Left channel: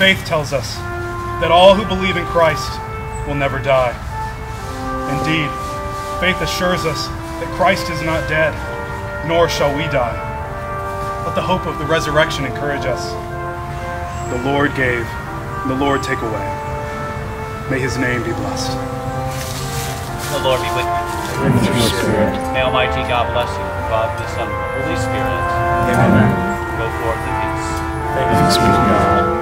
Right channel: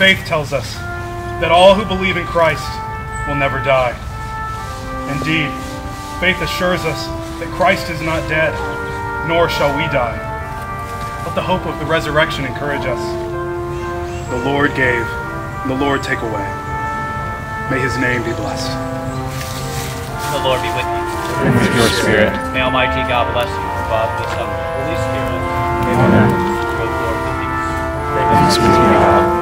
faith tells us that all who believe in Christ will never die. Indeed, faith assures us that Christ is not dead, nor shall we die. Let the hope of the resurrection encourage us. The Lord gave, the Lord take away. May his name be blessed. The Lord be with you. And with your spirit. May Almighty God bless you, the Father, the Son, and the Holy Spirit. Amen. Go forth in peace. Thanks be to God.